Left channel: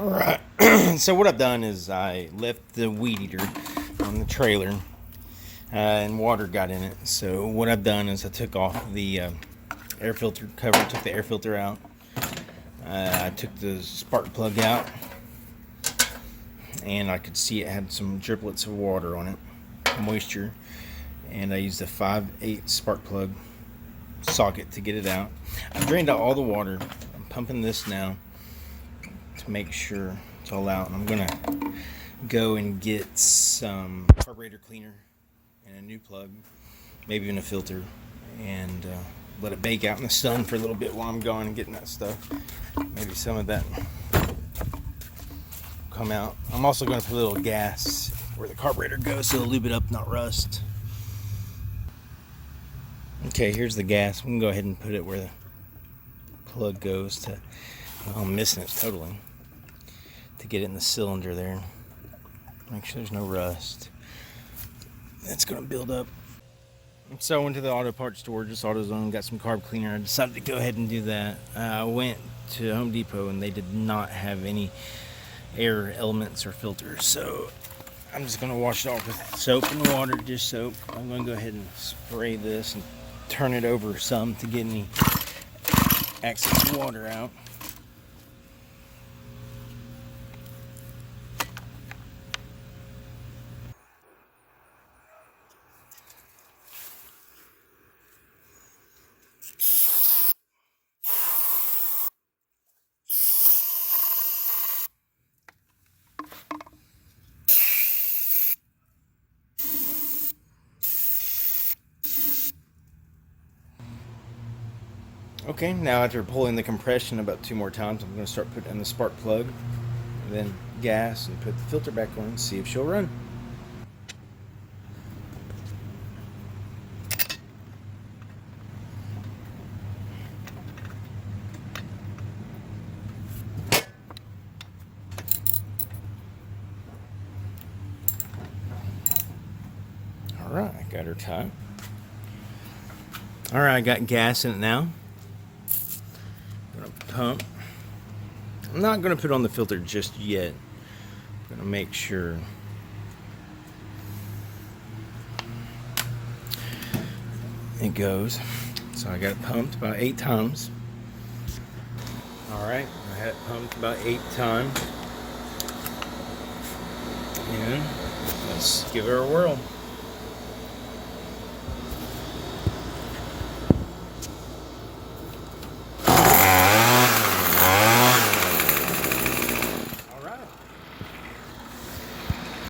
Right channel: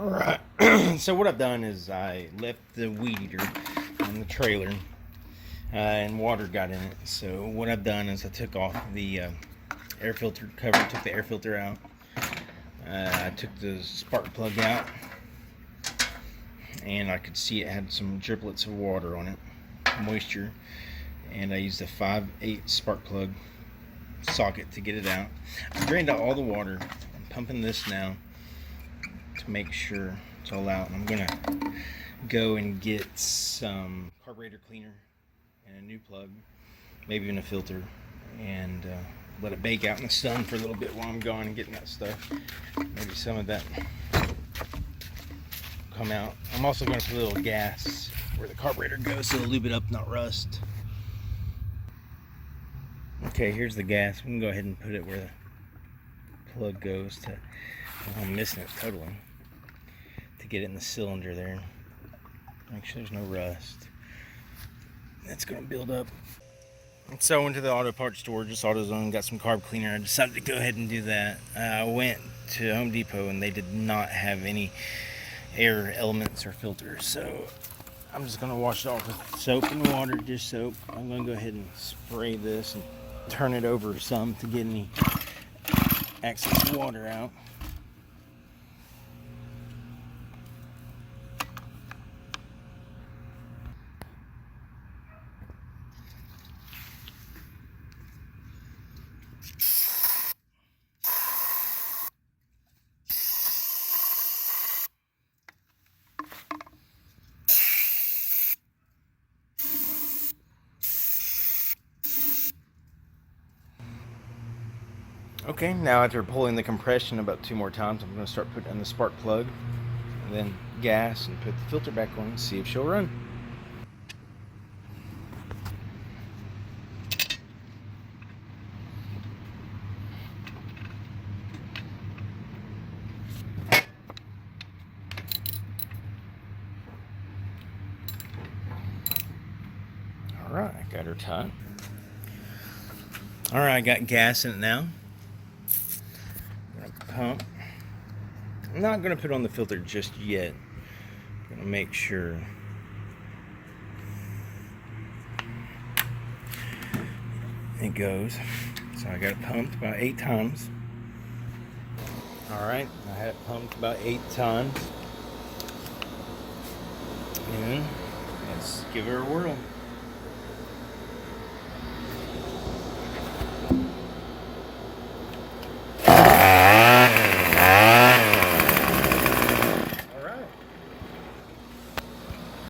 Alright, so what I've done is I left the weed eater on the trailer and water got in it. So what I've done is I took off the air filter cover, took the air filter out. I took the spark plug out and I could see it had some driplets of water on it, moisture. And I used a 5/8 spark plug socket to get it out. I drained out all the water. I'm pumping this now to make sure it's all out. And I'm gonna go and get some carburetor cleaner and a new plug, maybe even a filter, and let it bake out in the sun for a little bit while I'm gone and getting that stuff. Maybe some of that come out. I'm also going to put a little gas where the carburetor goes so it'll lube it up, not rust. Okay, here's the gas. We can go ahead and put it where the plug goes to. I'm missing it totally. To get it in the cylinder there. Make sure there's no rust. That's going to build up. And so I went to the auto parts store, just AutoZone, got some carb cleaner. I decided to go ahead and do that. I went to Home Depot and they did not have any air elements or filters. So I'm just going to wash it off with soap and water, dish soap. I'm going to go ahead and spray this and turn it over some to get any excess water out. Okay, now after pulling the compression about 2 more times, I'm going to start putting in the spark plug, and then gas, and put the filter back on and see if she'll run. Alright, I got her tight. Alright, I got gas in it now. Pump. I'm not going to put on the filter just yet. I'm going to make sure it goes. So I got it pumped about 8 times. Alright, I had it pumped about 8 times. And let's give her a whirl.